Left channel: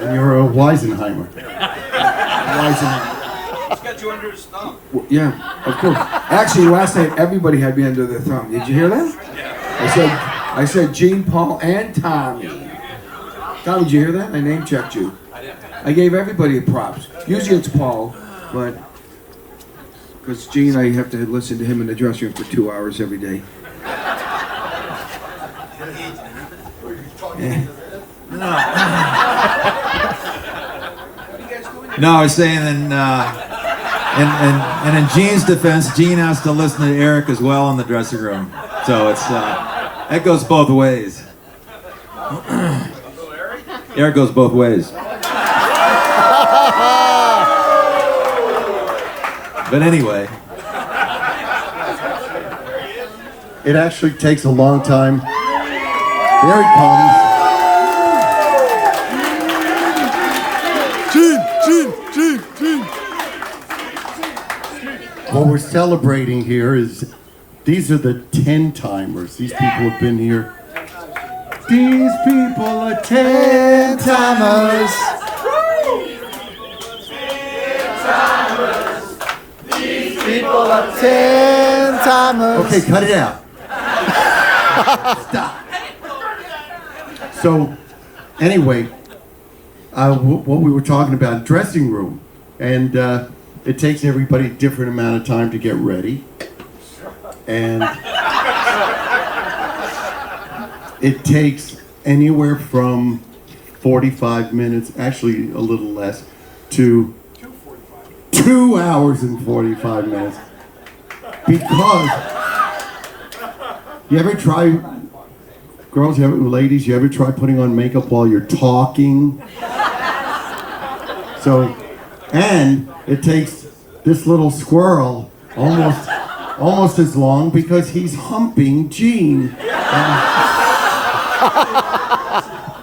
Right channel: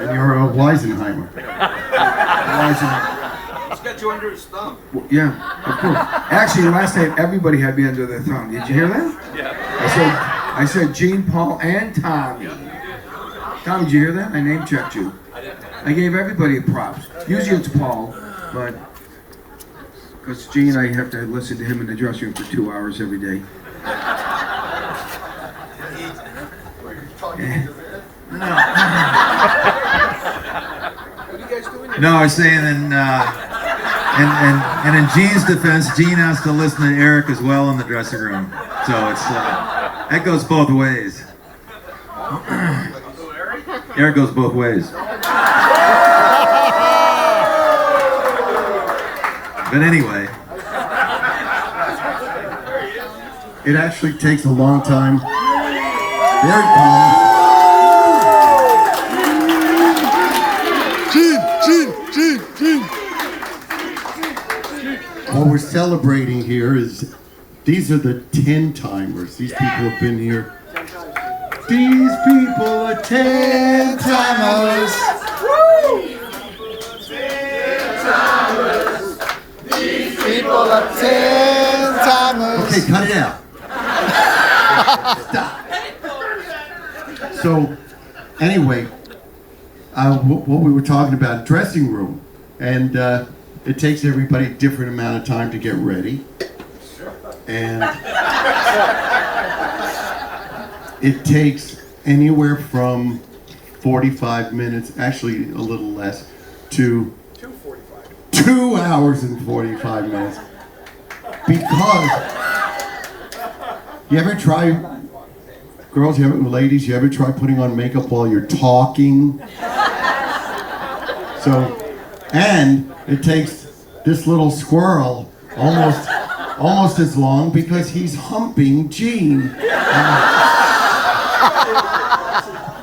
And you're a Weisenheimer. He's got you under his thumb. Well, yeah, of course. Actually, last night everybody had me under their thumb. Did you hear that? Yeah. I said Gene, Paul, and Tommy. Tommy, did you hear that? I name checked you. I gave everybody a props. Usually it's Paul, but because Gene, I have to listen to him in the dressing room for 2 hours every day. Yeah. No, I was saying, and in Gene's defense, Gene has to listen to Eric as well in the dressing room. So it's that goes both ways. Eric goes both ways. But anyway, It actually takes a long time. There it comes. Gene. What we're celebrating here is, these are the 10-timers. These people have been here. These people are 10-timers. These people are 10-timers. Okay, cut it out. Stop. So, anyway, what we were talking about, dressing room, and it takes everybody a different amount of time to get ready, and it takes anywhere from 45 minutes, actually a little less, to 2 hours and 45 minutes, because you ever try, girls, ladies, you ever try putting on makeup while you're talking? So, and it takes this little squirrel almost as long because he's humping Gene.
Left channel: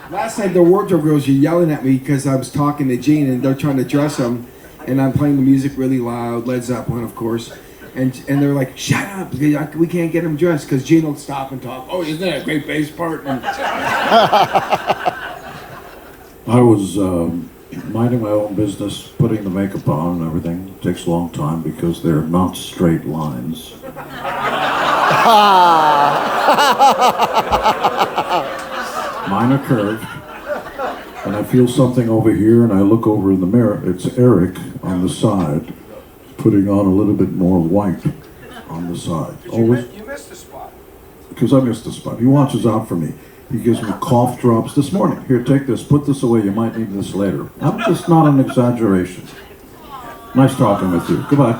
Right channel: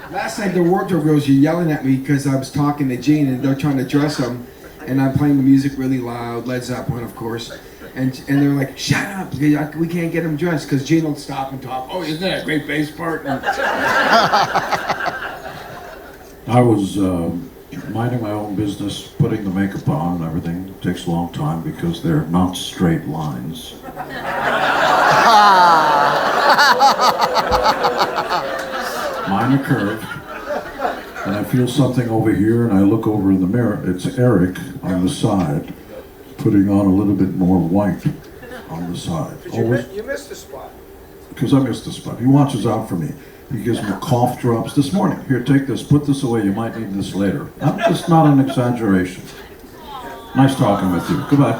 Last night the wardrobe girls were yelling at me because I was talking to Gene and they're trying to dress him, and I'm playing the music really loud, Led Zeppelin, of course. And they're like, shut up, we can't get him dressed, because Gene will stop and talk. Oh, isn't that a great bass part? And I was minding my own business, putting the makeup on and everything. It takes a long time because they're not straight lines. Mine are curved. And I feel something over here, and I look over in the mirror. It's Eric on the side, putting on a little bit more white on the side. Always. You missed the spot. Because I missed the spot. He watches out for me. He gives me cough drops this morning. Here, take this. Put this away. You might need this later. It's not an exaggeration. Nice talking with you. Goodbye.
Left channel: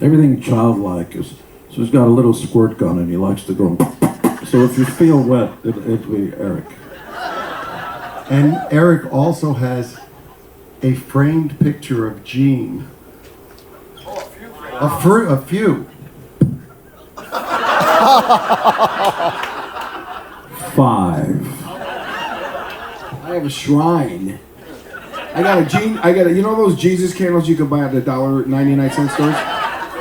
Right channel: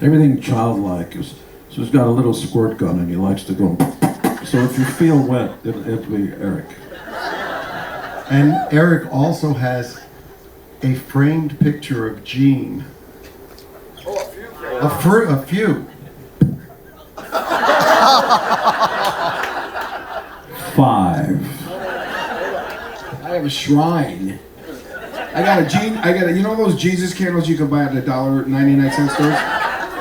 Everything childlike is. So he's got a little squirt gun and he likes to go. So if you feel wet, it'll be Eric. And Eric also has a framed picture of Gene. A few. 5. I have a shrine. I got you know those Jesus candles you can buy at the $1.99 stores?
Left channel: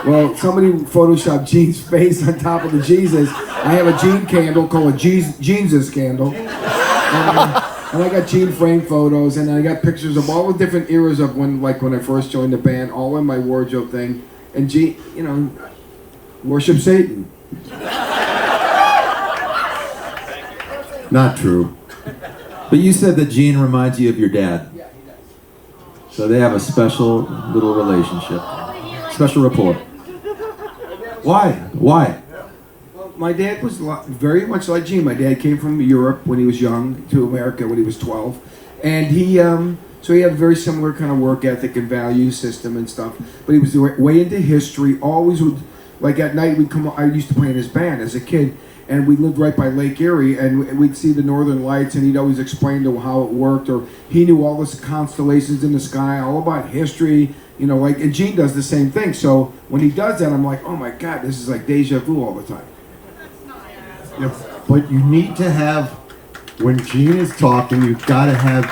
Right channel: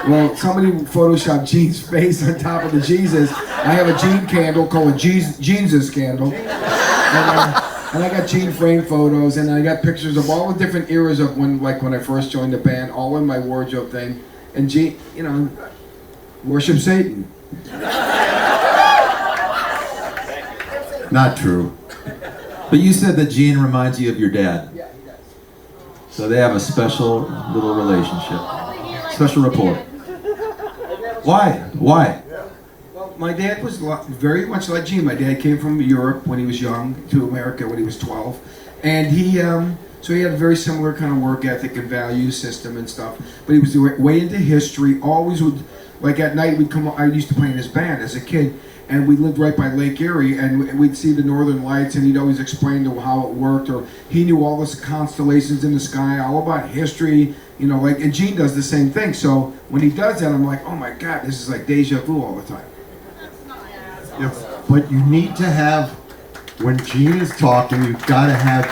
Well, somebody photoshopped Gene's face on top of the Jesus. I have a Gene candle called a Jesus candle. And I got Gene framed photos, and I got pictures of all the different eras of when I first joined the band, all in my wardrobe thing. And Gene, worship Satan. Not true. but you said that Gene reminds you of your dad. Yeah, he does. So they have a special little relationship, special rapport. Why? Well, my dad was very much like Gene. My dad came from Europe when he was young to America when he was 12. And so he had a very similar kind of work ethic and value system and stuff. But he was way into history, always would, like at night I used to play in his band as a kid. And we lived right by Lake Erie, and we'd see the northern lights, and he'd always explain to how it worked, or he knew all the constellations in the sky, all about history, and Gene does the same thing. So when he does that, I'm like, oh my God, this is like deja vu all the time. But you need to have, when Gene is talking, you've got to have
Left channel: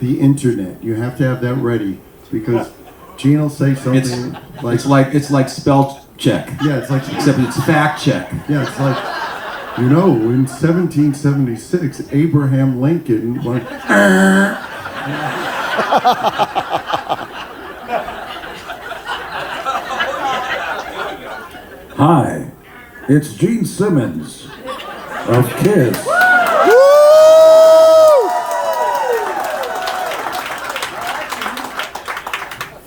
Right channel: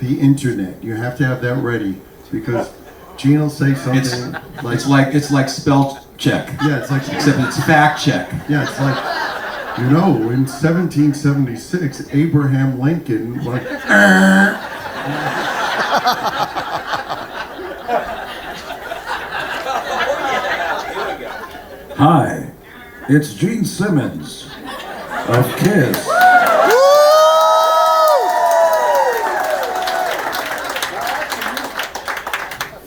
the internet. You have to have that ready, because Gene will say something it's like spell check. Yeah, it's like, except it's fact check. yeah, it's like, You know, in 1776, Abraham Lincoln went, Hi, it's Gene Simmons of KISS.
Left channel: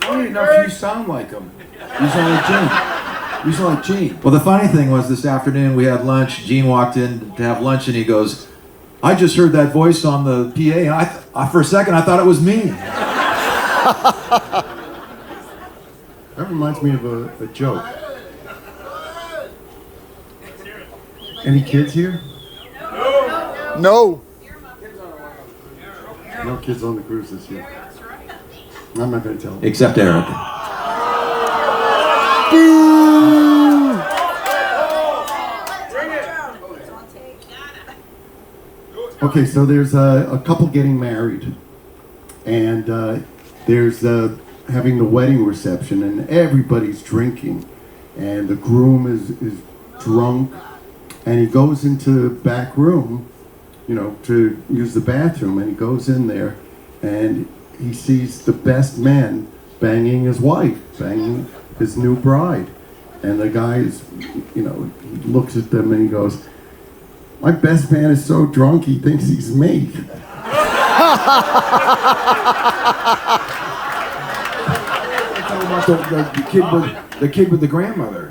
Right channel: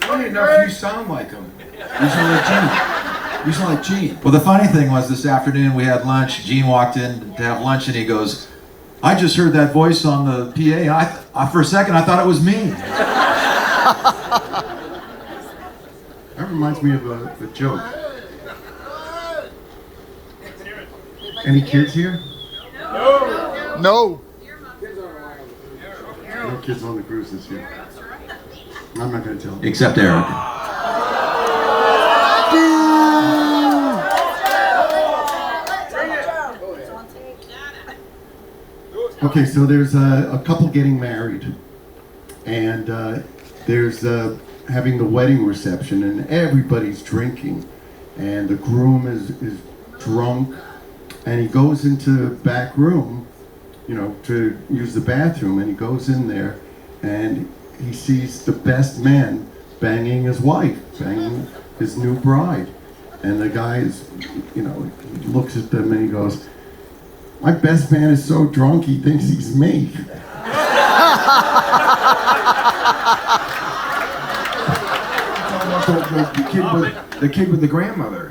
Funny enough, you sound like him. You sound like Gene. You sound like Gene. Well, the funny thing was this afternoon we had lunch. Gene walked in to have lunch and he goes, I just heard that voice on the PA. For a second, I thought it was me. that reminds me of a joke. Any kids here? No. No kids on the cruise this year. I'm not going to tell them. Except Eric. Okay, so there's a couple getting married, and there's having the wedding reception, and everybody's drinking, and the groom is drunk, and he goes into the back room, you know, to use the bathroom, and he goes in there, and he sees the best man banging his wife, banging his new bride, and the guy is, you know, he looks at them and he goes, my best man is so drunk he thinks he's me. The kid with the grandmother.